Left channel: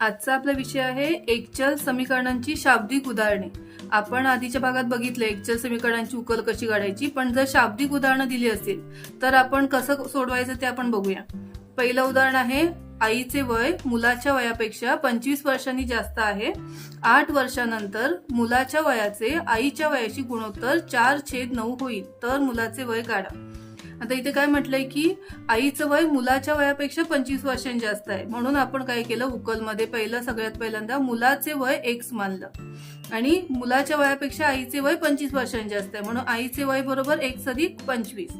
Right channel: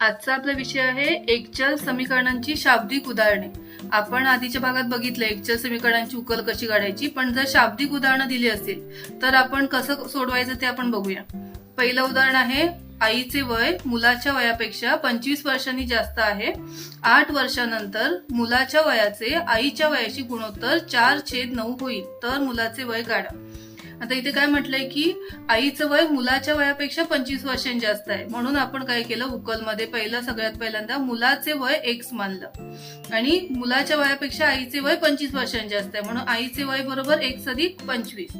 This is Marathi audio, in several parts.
आजचा आपला विषय आहे एकचल समीकरणांची शाब्दिक उदाहरणे. आपण आधीच्या भागात बघितलं एकचल समीकरणांची उकल कशी काढायची पण जर शाब्दिक उदाहरणं दिली असतील तर आपण कसं सोडवायचं ते आपण बघूया. पहिलं उदाहरण आहे आईचे वय मुलाच्या वयापेक्षा पंचवीस वर्षांनी जास्त आहे. आठ वर्षानंतर मुलाच्या वयाचे आईच्या वयाशी गुणोत्तर चार छेद नऊ होईल तर मुलाचे वय काढा. आता इथे काय म्हटलंय की आईचं वय मुलाच्या वयापेक्षा पंचवीस वर्षांनी जास्त आहे. म्हणून आपण काय केलं उकलमध्ये पहिलं सगळ्यात पहिल्यांदा मुलाचे वय एक्स मानलं. आणि मुलाच्या वयापेक्षा आईचे वय पंचवीस वर्षांनी जास्त आहे. म्हणून आईचे वय बरोबर एक्स अधिक पंचवीस.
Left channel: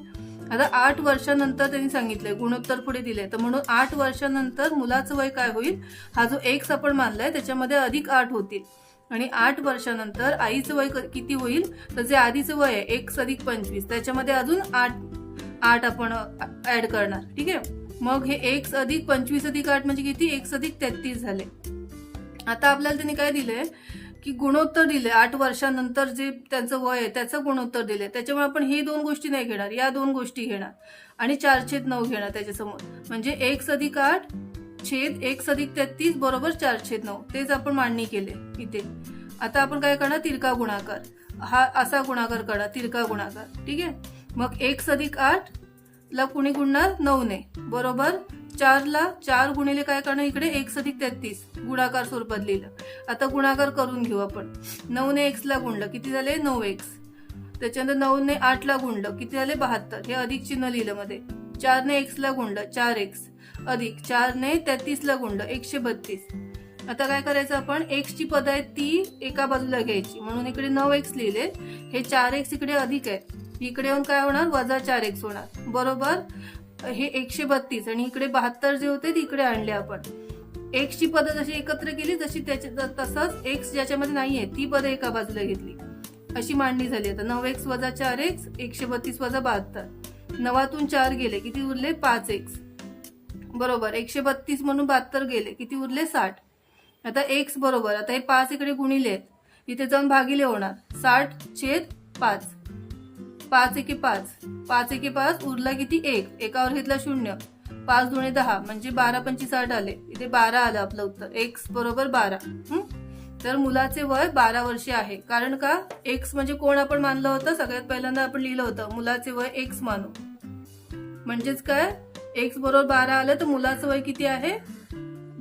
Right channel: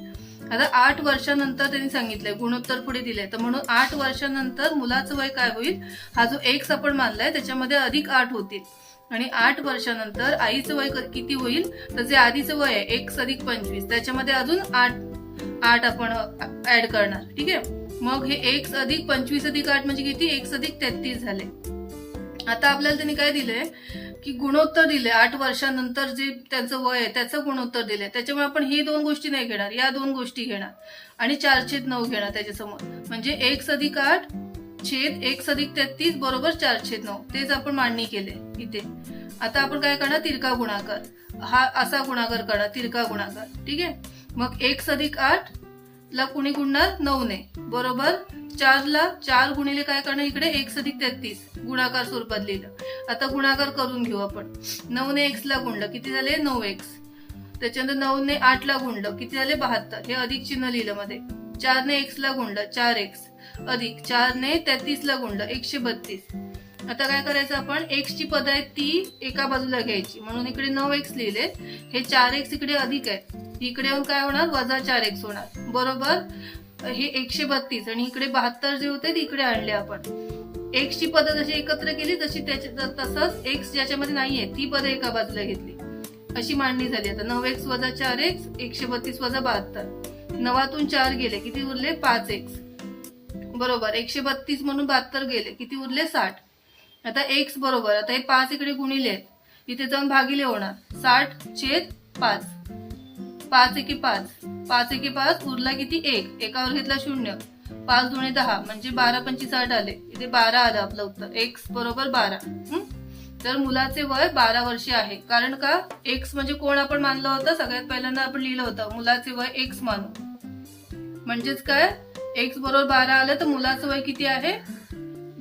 आता आठ वर्षानंतर त्यांनी सांगितलंय गुणोत्तर पुढे दिले तर म्हणून आठ वर्षानंतर मुलाचं वय काय होईल? हा जो एक्स आपण मानलाय त्याच्यामध्ये अधिक आठ होतील. आणि आठ वर्षानंतर आईचं वय किती होईल? तर जे आधीचं वय आहे एक्स अधिक पंचवीस. त्याच्यामध्ये अजून आठ आठ आपण ऍड करणार. ठीक आहे? मग हे एक अधिक पंचवीस अधिक आठ म्हणजे किती? एक अधिक तेहतीस झाले. आता आपल्याला त्यांनी काय दिलंय? की गुणोत्तर दिले आठ वर्षानंतर जे त्यांचं वय आहे त्याचं गुणोत्तर दिले त्याच्यामुळे आपण हे दोन गोष्टी नाही घेणार. या दोन गोष्टी घेणार. आणि चार छेद नऊ घेणार त्याच्यासमोर. म्हणजे एक अधिक आठ छेद एक अधिक तेहतीस बरोबर चार छेद नऊ. तेच आपण मांडणी केले इथे. आता आपण काय करणार? तिरका गुणाकार. हा असा गुणाकार करणार तिरका गुणाकार. ठीक आहे? मग एक अधिक आठ ला कुणी गुणणार? नऊने बरोबर? चारला चार गुणिले काय करणार इकडे? एक्स अधिक तेहतीस. गुणाकार स्वरूपात लिहिलं. आता गुणाकार करून घेऊ आपण. नऊने एक्स ला गुणलं. किती झाले? नऊ एक्स त्याच्यानंतर नऊने आठ ला गुणलं. किती झाले? बहात्तर. हे अधिक चिन्ह लिहिलं मध्ये. चारने एक्स ला गुणलं. चार एक्स अधिक चारने तेहतीस ला गुणलं. एकशे बत्तीस. आता काय करायचं आपण? एक्स ची पद आहे ती एका बाजूला घ्यायची. म्हणून इकडे नऊ एक्स लिहिले हे चार एक्स इकडे अधिक आहे इकडे येऊन काय होणार? वजा चार एक्स होणार. बरोबर? हे एकशे बत्तीस. आणि इकडे बहात्तर जे होते ते इकडे आणले आपण. एक्स ची पदं जशी एकत्र केली जशी त्याच्या तसंच एक्स ज्याच्यामध्ये नाहीये ती पदं एका बाजूला घेतली. अशी मांडणी झाली. आता नऊ एक्स वजा चार एक्स एकशे बत्तीस वजा बहात्तर. नवातून चार गेले. किती उरले? पाच एक्स बरोबर. एकशे बत्तीस म्हणून बहात्तर गेले. किती उरले? साठ. आता एक्स बरोबर आता हे पाच इकडे गुणिले आहेत. इथे जाऊन भागिले होणार. साठ छेद पाच. पाच एके पाच. पाच एके पाच उरला किती? एक. एकावर घेतला शून्य. पाच दुणे दहा म्हणजे बारा पंचवीस आठ आले. इथे बारा आलं आपलं उत्तर. एक्स बरोबर बारा. तर मुलाचे वय बारा वर्षे आहे. कारण का? एक्स म्हणजे कोण आपण मानलं होतं? सगळ्यात पहिल्यांदा आपण लिहिलं होतं. मुलाचे वय एक्स मानू. म्हणजेच काय? एक्स बरोबर बारा आलं तर मुलाचं वय किती आहे?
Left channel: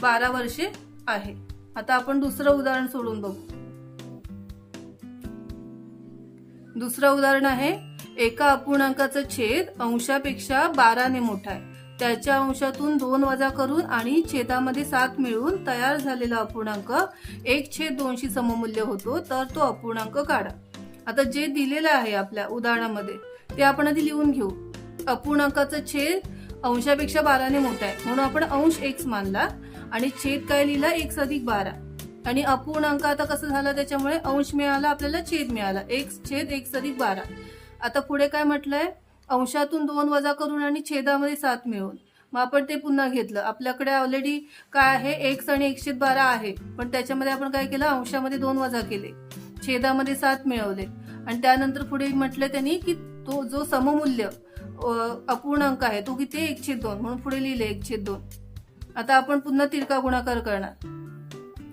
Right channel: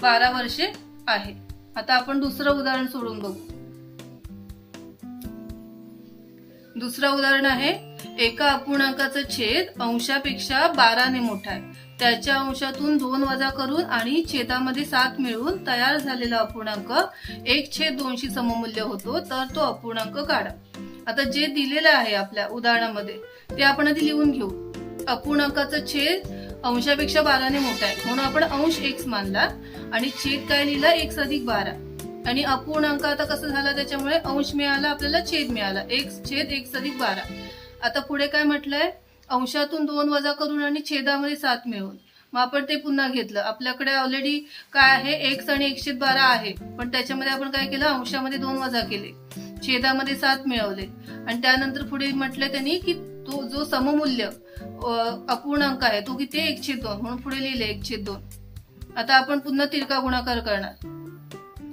बारा वर्षे आहे. आता आपण दुसरं उदाहरण सोडून बघू. दुसरं उदाहरण आहे एका अपूर्णांकाचा छेद अंशापेक्षा बाराने मोठा आहे. त्याच्या अंशातून दोन वजा करून आणि छेदामध्ये सात मिळून तयार झालेला अपूर्णांक एक छेद दोनशी सममूल्य होतो तर तो अपूर्णांक काढा. आता जे दिलेलं आहे आपल्या उदाहरणामध्ये ते आपण आधी लिहून घेऊ. अपूर्णांकाचा छेद अंशापेक्षा बाराने मोठा आहे. म्हणून आपण अंश एक्स मानला. आणि छेद काय लिहिला एक अधिक बारा. आणि अपूर्णांक आता कसं झालं त्याच्यामुळे अंश मिळाला आपल्याला छेद मिळाला. एक छेद एक अधिक बारा. आता पुढे काय म्हटलंय? अंशातून दोन वजा करून आणि छेदामध्ये सात मिळवून मग आपण ते पुन्हा घेतलं. आपल्याकडे ऑलरेडी काय आहे? एक्स आणि एकशे बारा आहे. पण त्याच्यामध्ये आपण काय केलं? अंशामध्ये दोन वजा केले. छेदामध्ये सात मिळवले. आणि त्यानंतर पुढे म्हटलं त्यांनी की तो जो सममूल्य अपूर्णांक आहे तो किती? एकशे दोन. म्हणून पुढे लिहिले एकशे दोन. आता आपण पुन्हा तिरका गुणाकार करणार.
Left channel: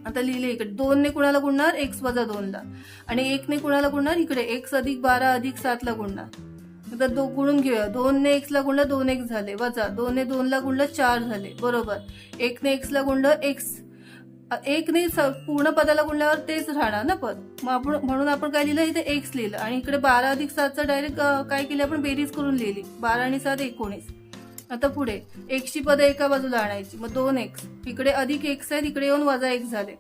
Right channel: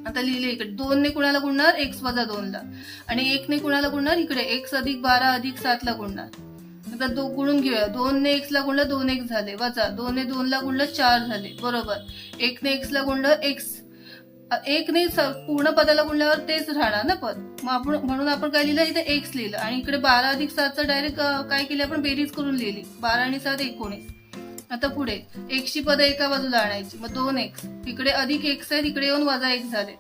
आता लिहिले इकडे. दोन ने कुणाला गुणणार? एक्स वजा दोनला. आणि एक ने कुणाला गुणणार? इकडे. एक्स अधिक बारा अधिक सातला गुणणार. आता दो गुणून घेऊया. दोन ने एक्स ला गुणलं दोन एक्स झाले. वजा. दोन ने दोन ला गुणलं चार झाले. बरोबर. एक ने एक्स ला गुणलं एक्स एक ने पूर्ण पदाला गुणल्यावर तेच राहणार ना पद? मग आपण म्हणून आपण काय लिहिलं? इथे एक्स लिहिलं. आणि इकडे बारा अधिक सातचं डायरेक्ट काय केलं आपण? बेरीज करून लिहिली. बारा आणि सात एकोणीस. आता पुढे. एक्सची पदं एका बाजूला आणायची. मग दोन एक्स इकडे अधिक एक्स आहेत इकडे येऊन वजा एक झाले.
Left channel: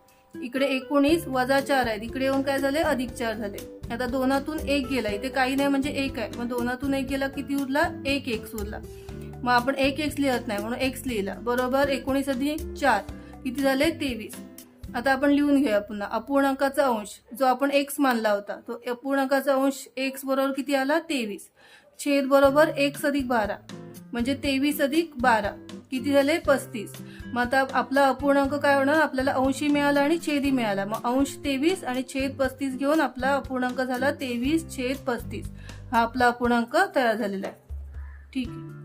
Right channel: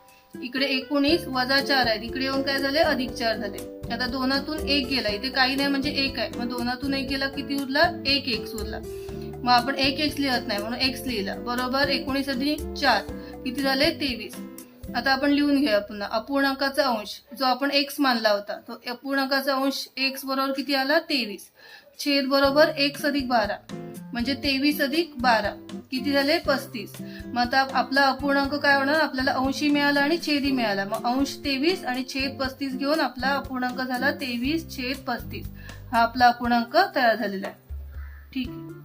इकडे एकोणीस वजा चार आहेत. इकडे येऊन काय झाले? अधिक चार झाले. आता दोनातून एक गेला. इथे काही नाही म्हणजे एक आहे. मग दोनातून एक गेला किती उरला? एक एक्स उरला. मग आपण एक एक्स लिहत नाही म्हणून एक्स लिहिला. बरोबर? एकोणीस अधिक चार. किती झाले? तेवीस. आता आपण लिहून घेऊया पुन्हा. अपूर्णांकाचा अंश. जो आपण एक्स मानला होता. तो अपूर्णांकाचा अंश एक्स बरोबर किती आला? तेवीस. छेद बरोबर एक्स अधिक बारा. म्हणजे तेवीस अधिक बारा. किती झाले? पस्तीस. मग आता आपला अपूर्णांक काय होणार? आपल्याला अंशी मिळाला आणि छेदी मिळाला. मग अंश तेवीस आणि छेद पस्तीस घेऊन आपला अपूर्णांक झाला तेवीस छेद पस्तीस. हा आपला अपूर्णांक तयार झालेला आहे. ठीक आहे.